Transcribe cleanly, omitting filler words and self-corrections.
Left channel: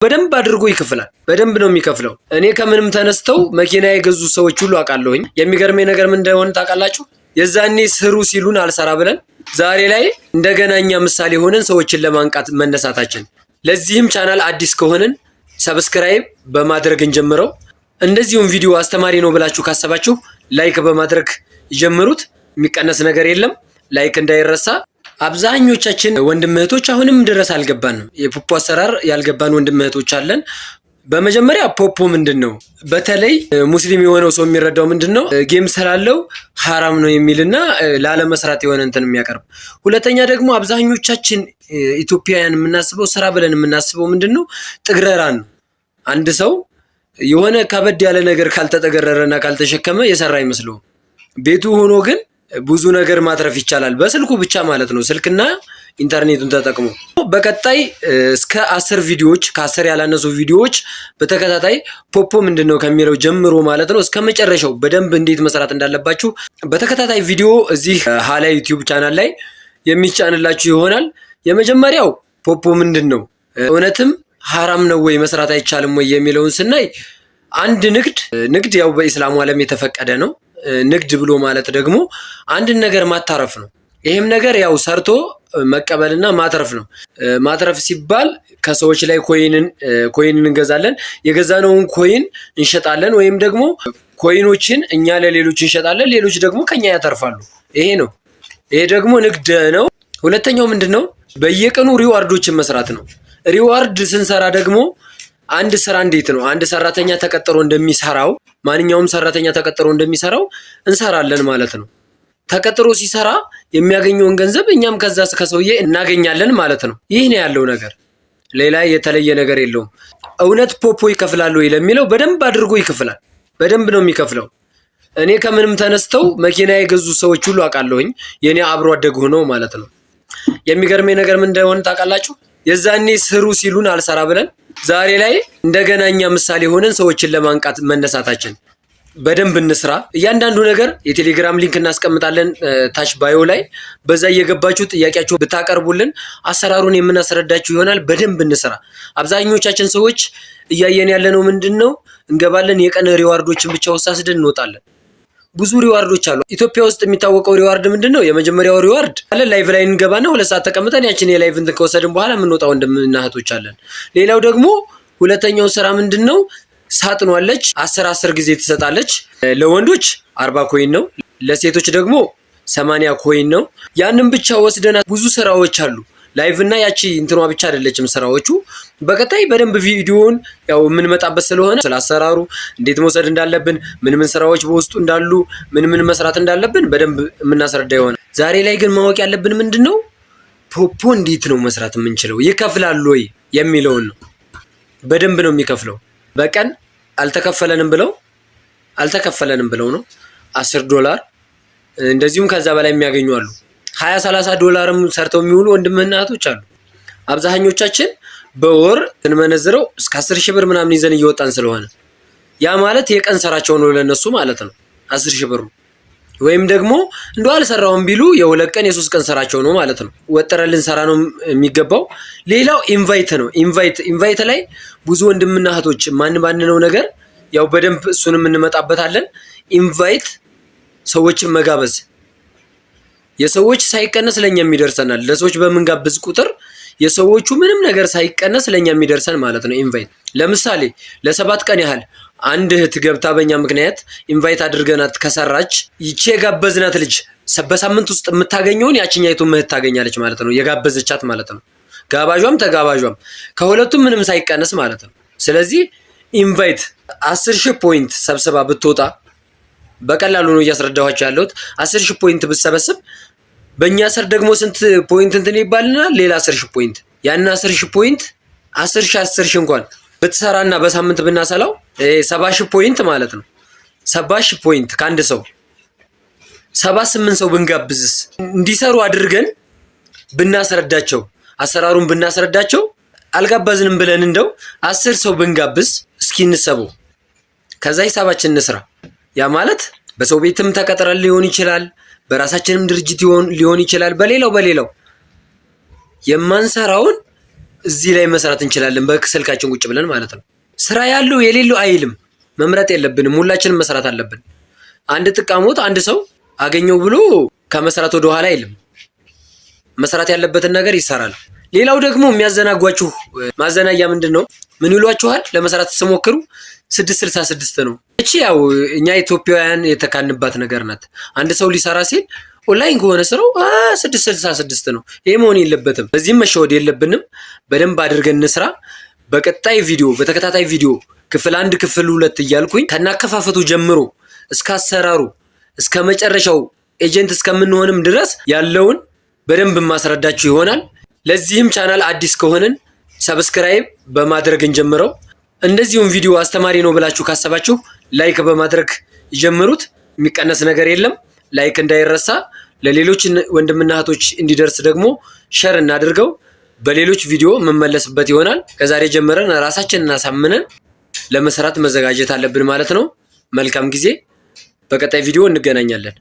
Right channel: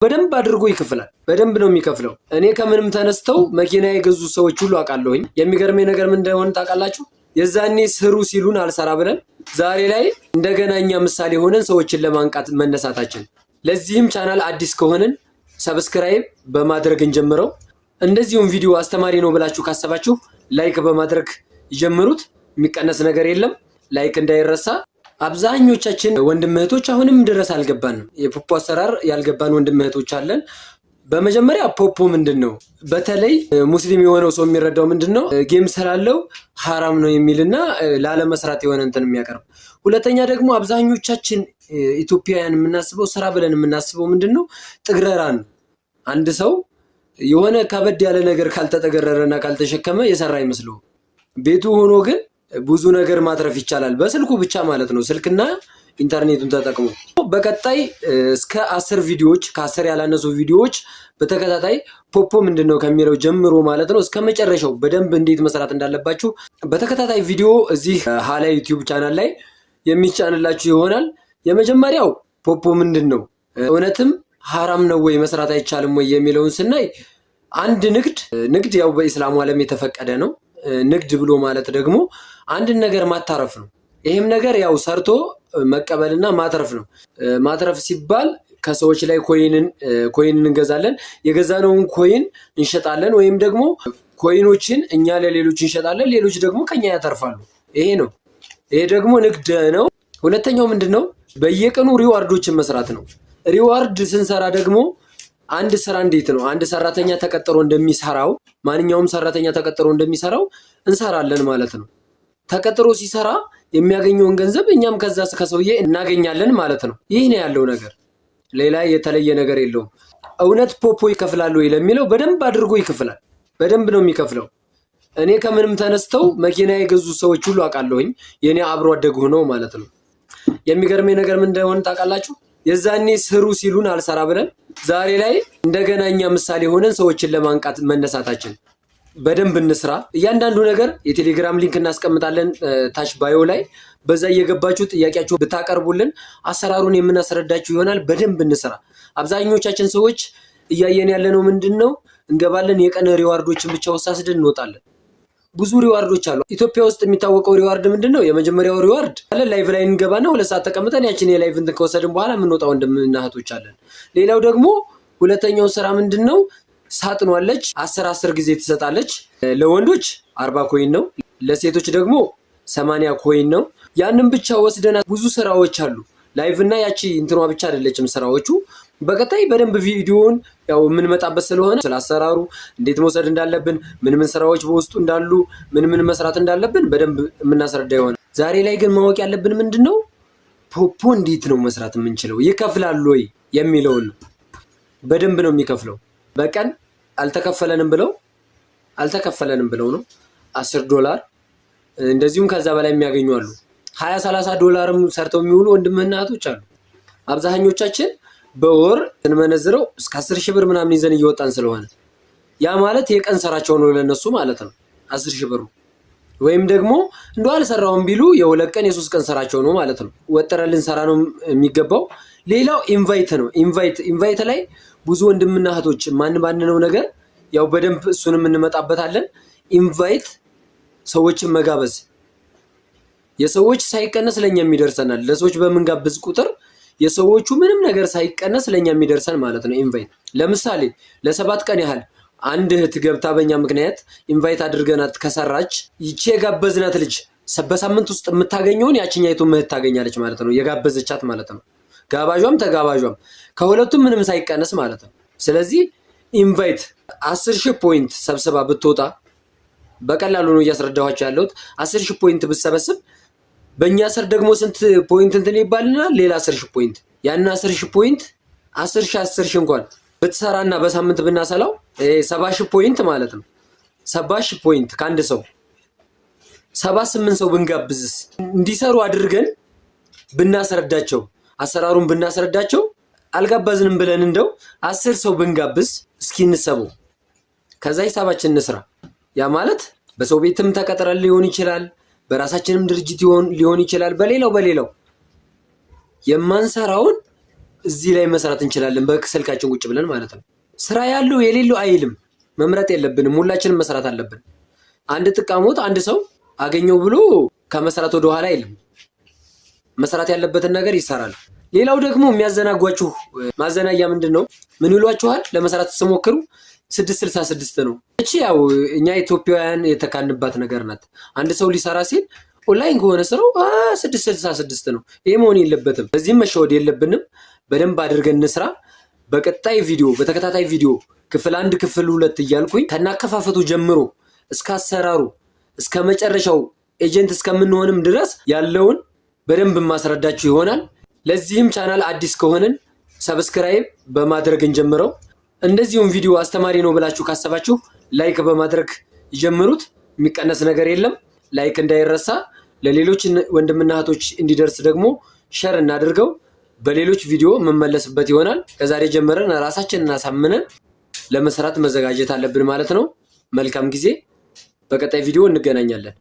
በደንብ አድርጎ ይከፍላል። በደንብ ነው የሚከፍለው። እኔ ከምንም ተነስተው መኪና የገዙ ሰዎች ሁሉ አውቃለሁኝ። የሚገርመኝ ነገር ምን እንደሆነ ታውቃላችሁ? የዛኔ ስሩ ሲሉን አልሰራ ብለን ዛሬ ላይ እንደገናኛ ምሳሌ ሆነን ሰዎችን ለማንቃት መነሳታችን። ለዚህም ቻናል አዲስ ከሆነን ሰብስክራይብ በማድረግ እንጀምረው። እንደዚሁም ቪዲዮ አስተማሪ ነው ብላችሁ ካሰባችሁ ላይክ በማድረግ ይጀምሩት። የሚቀነስ ነገር የለም። ላይክ እንዳይረሳ። አብዛኞቻችን ወንድም እህቶች አሁንም ድረስ አልገባንም። የፖፖ አሰራር ያልገባን ወንድም እህቶች አለን። በመጀመሪያ ፖፖ ምንድነው? በተለይ ሙስሊም የሆነው ሰው የሚረዳው ምንድነው? ጌም ስላለው ሐራም ነው የሚልና ላለመስራት የሆነ እንትን የሚያቀርብ። ሁለተኛ ደግሞ አብዛኞቻችን ኢትዮጵያውያን የምናስበው ስራ ብለን የምናስበው ምንድነው? ጥግረራን ነው። አንድ ሰው የሆነ ከበድ ያለ ነገር ካልተጠገረረና ካልተሸከመ የሰራ አይመስለውም። ቤቱ ሆኖ ግን ብዙ ነገር ማትረፍ ይቻላል፣ በስልኩ ብቻ ማለት ነው። ስልክና ኢንተርኔቱን ተጠቅሞ በቀጣይ እስከ 10 ቪዲዮዎች ከ10 ያላነሱ ቪዲዮዎች በተከታታይ ፖፖ ምንድነው ከሚለው ጀምሮ ማለት ነው እስከ መጨረሻው በደንብ እንዴት መስራት እንዳለባችሁ በተከታታይ ቪዲዮ እዚህ ሀላ ዩቲዩብ ቻናል ላይ የሚጫንላችሁ ይሆናል። የመጀመሪያው ፖፖ ምንድነው እውነትም ሐራም ነው ወይ መስራት አይቻልም ወይ የሚለውን ስናይ አንድ ንግድ ያው በእስላሙ ዓለም የተፈቀደ ነው። ንግድ ብሎ ማለት ደግሞ አንድን ነገር ማታረፍ ነው። ይሄም ነገር ያው ሰርቶ መቀበልና ማትረፍ ነው። ማትረፍ ሲባል ከሰዎች ላይ ኮይንን እንገዛለን፣ የገዛነውን ኮይን እንሸጣለን፣ ወይም ደግሞ ኮይኖችን እኛ ለሌሎች እንሸጣለን፣ ሌሎች ደግሞ ከኛ ያተርፋሉ። ይሄ ነው። ይሄ ደግሞ ንግድ ነው። ሁለተኛው ምንድነው? በየቀኑ ሪዋርዶችን መስራት ነው። ሪዋርድ ስንሰራ ደግሞ አንድ ስራ እንዴት ነው አንድ ሰራተኛ ተቀጥሮ እንደሚሰራው ማንኛውም ሰራተኛ ተቀጥሮ እንደሚሰራው እንሰራለን ማለት ነው። ተቀጥሮ ሲሰራ የሚያገኘውን ገንዘብ እኛም ከዛ ከሰውዬ እናገኛለን ማለት ነው። ይህ ነው ያለው ነገር፣ ሌላ የተለየ ነገር የለውም። እውነት ፖፖ ይከፍላል ወይ ለሚለው በደንብ አድርጎ ይከፍላል። በደንብ ነው የሚከፍለው። እኔ ከምንም ተነስተው መኪና የገዙ ሰዎች ሁሉ አውቃለሁኝ፣ የኔ አብሮ አደግ ሆነው ማለት ነው። የሚገርመኝ ነገር ምን እንደሆነ ታውቃላችሁ? የዛኔ ስሩ ሲሉን አልሰራ ብለን ዛሬ ላይ እንደገናኛ ምሳሌ ሆነን ሰዎችን ለማንቃት መነሳታችን። በደንብ እንስራ። እያንዳንዱ ነገር የቴሌግራም ሊንክ እናስቀምጣለን ታች ባዮ ላይ፣ በዛ እየገባችሁ ጥያቄያችሁ ብታቀርቡልን አሰራሩን የምናስረዳችሁ ይሆናል። በደንብ እንስራ። አብዛኞቻችን ሰዎች እያየን ያለነው ምንድነው? እንገባለን፣ የቀን ሪዋርዶችን ብቻ ወሳስደን እንወጣለን። ብዙ ሪዋርዶች አሉ። ኢትዮጵያ ውስጥ የሚታወቀው ሪዋርድ ምንድነው? የመጀመሪያው ሪዋርድ አለ ላይቭ ላይ እንገባና 2 ሰዓት ተቀምጠን ያችን የላይቭ እንትን ከወሰድን በኋላ የምንወጣው ወንድምና እህቶች አለን። ሌላው ደግሞ ሁለተኛው ስራ ምንድነው? ሳጥኗለች 10 ጊዜ ትሰጣለች። ለወንዶች 40 ኮይን ነው፣ ለሴቶች ደግሞ 80 ኮይን ነው። ያንን ብቻ ወስደና ብዙ ስራዎች አሉ። ላይቭ እና ያቺ እንትኗ ብቻ አይደለችም ስራዎቹ። በቀጣይ በደንብ ቪዲዮውን ያው የምንመጣበት ስለሆነ ስላሰራሩ እንዴት መውሰድ እንዳለብን፣ ምን ስራዎች በውስጡ እንዳሉ፣ ምን መስራት እንዳለብን በደንብ የምናስረዳ ይሆናል። ዛሬ ላይ ግን ማወቅ ያለብን ምንድነው? ፖፖ እንዴት ነው መስራት የምንችለው፣ ይከፍላል ወይ የሚለውን ነው። በደንብ ነው የሚከፍለው። በቀን አልተከፈለንም ብለው ነው $10 እንደዚሁም ከዛ በላይ የሚያገኙ አሉ። $20-30 ሰርተው የሚውሉ ወንድምና እህቶች አሉ። አብዛኞቻችን በወር እንመነዝረው እስከ 10,000 ብር ምናምን ይዘን እየወጣን ስለሆነ ያ ማለት የቀን ስራቸው ነው ለነሱ ማለት ነው 10,000 ብር። ወይም ደግሞ እንደው አልሰራውም ቢሉ የ2 ቀን የ3 ቀን ስራቸው ነው ማለት ነው። ወጥረልን ሰራ ነው የሚገባው። ሌላው ኢንቫይት ነው። ኢንቫይት ላይ ብዙ ወንድምና እህቶች ማን ነው ነገር ያው በደንብ እሱንም እንመጣበታለን። ኢንቫይት ሰዎችን መጋበዝ የሰዎች ሳይቀነስ ለኛ የሚደርሰናል። ለሰዎች በመንጋብዝ ቁጥር የሰዎቹ ምንም ነገር ሳይቀነስ ለኛ የሚደርሰን ማለት ነው። ኢንቫይት ለምሳሌ ለ7 ቀን ያህል አንድ እህት ገብታ በእኛ ምክንያት ኢንቫይት አድርገናት ከሰራች ይቺ የጋበዝናት ልጅ በሳምንት ውስጥ የምታገኘውን ያቺኛይቱ እህት ታገኛለች ማለት ነው። የጋበዘቻት ማለት ነው። ጋባዣም ተጋባዣም ከሁለቱም ምንም ሳይቀነስ ማለት ነው። ስለዚህ ኢንቫይት 10,000 ፖይንት ሰብስባ ብትወጣ በቀላሉ ነው እያስረዳኋቸው ያለሁት። 10,000 ፖይንት ብትሰበስብ በእኛ ስር ደግሞ ስንት ፖይንት እንትን ይባልናል? ሌላ 10,000 ፖይንት። ያን 10,000 ፖይንት 10,000 እንኳን ብትሰራና በሳምንት ብናሰላው 70,000 ፖይንት ማለት ነው። 70,000 ፖይንት ከአንድ ሰው 78 ሰው ብንጋብዝስ እንዲሰሩ አድርገን ብናስረዳቸው አሰራሩን ብናስረዳቸው አልጋበዝንም ብለን እንደው 10 ሰው ብንጋብዝ እስኪ እንሰበው። ከዛ ሂሳባችን እንስራ። ያ ማለት በሰው ቤትም ተቀጥረን ሊሆን ይችላል፣ በራሳችንም ድርጅት ሊሆን ይችላል። በሌላው የማንሰራውን እዚህ ላይ መስራት እንችላለን በስልካችን ቁጭ ብለን ማለት ነው። ስራ ያለው የሌለው አይልም። መምረጥ የለብንም። ሁላችንም መስራት አለብን። አንድ ጥቃሞት አንድ ሰው አገኘው ብሎ ከመስራት ወደ ኋላ አይልም። መስራት ያለበትን ነገር ይሰራል። ሌላው ደግሞ የሚያዘናጓችሁ ማዘናያ ምንድን ነው? ምን ይሏችኋል? ለመስራት ስሞክሩ 666 ነው። እቺ ያው እኛ ኢትዮጵያውያን የተካንባት ነገር ናት። አንድ ሰው ሊሰራ ሲል ኦንላይን ከሆነ ስራው 666 ነው። ይሄ መሆን የለበትም። በዚህም መሸወድ የለብንም። በደንብ አድርገን እንስራ። በቀጣይ ቪዲዮ በተከታታይ ቪዲዮ ክፍል 1 ክፍል 2 እያልኩኝ ከናከፋፈቱ ጀምሮ እስከ አሰራሩ እስከ መጨረሻው ኤጀንት እስከምንሆንም ድረስ ያለውን በደንብ ማስረዳችሁ ይሆናል። ለዚህም ቻናል አዲስ ከሆነን ሰብስክራይብ በማድረግ እንጀምረው። እንደዚሁም ቪዲዮ አስተማሪ ነው ብላችሁ ካሰባችሁ ላይክ በማድረግ ይጀምሩት። የሚቀነስ ነገር የለም። ላይክ እንዳይረሳ። ለሌሎች ወንድምና እህቶች እንዲደርስ ደግሞ ሸር እናድርገው። በሌሎች ቪዲዮ መመለስበት ይሆናል። ከዛሬ ጀምረን ራሳችንን አሳምነን ለመስራት መዘጋጀት አለብን ማለት ነው። መልካም ጊዜ። በቀጣይ ቪዲዮ እንገናኛለን።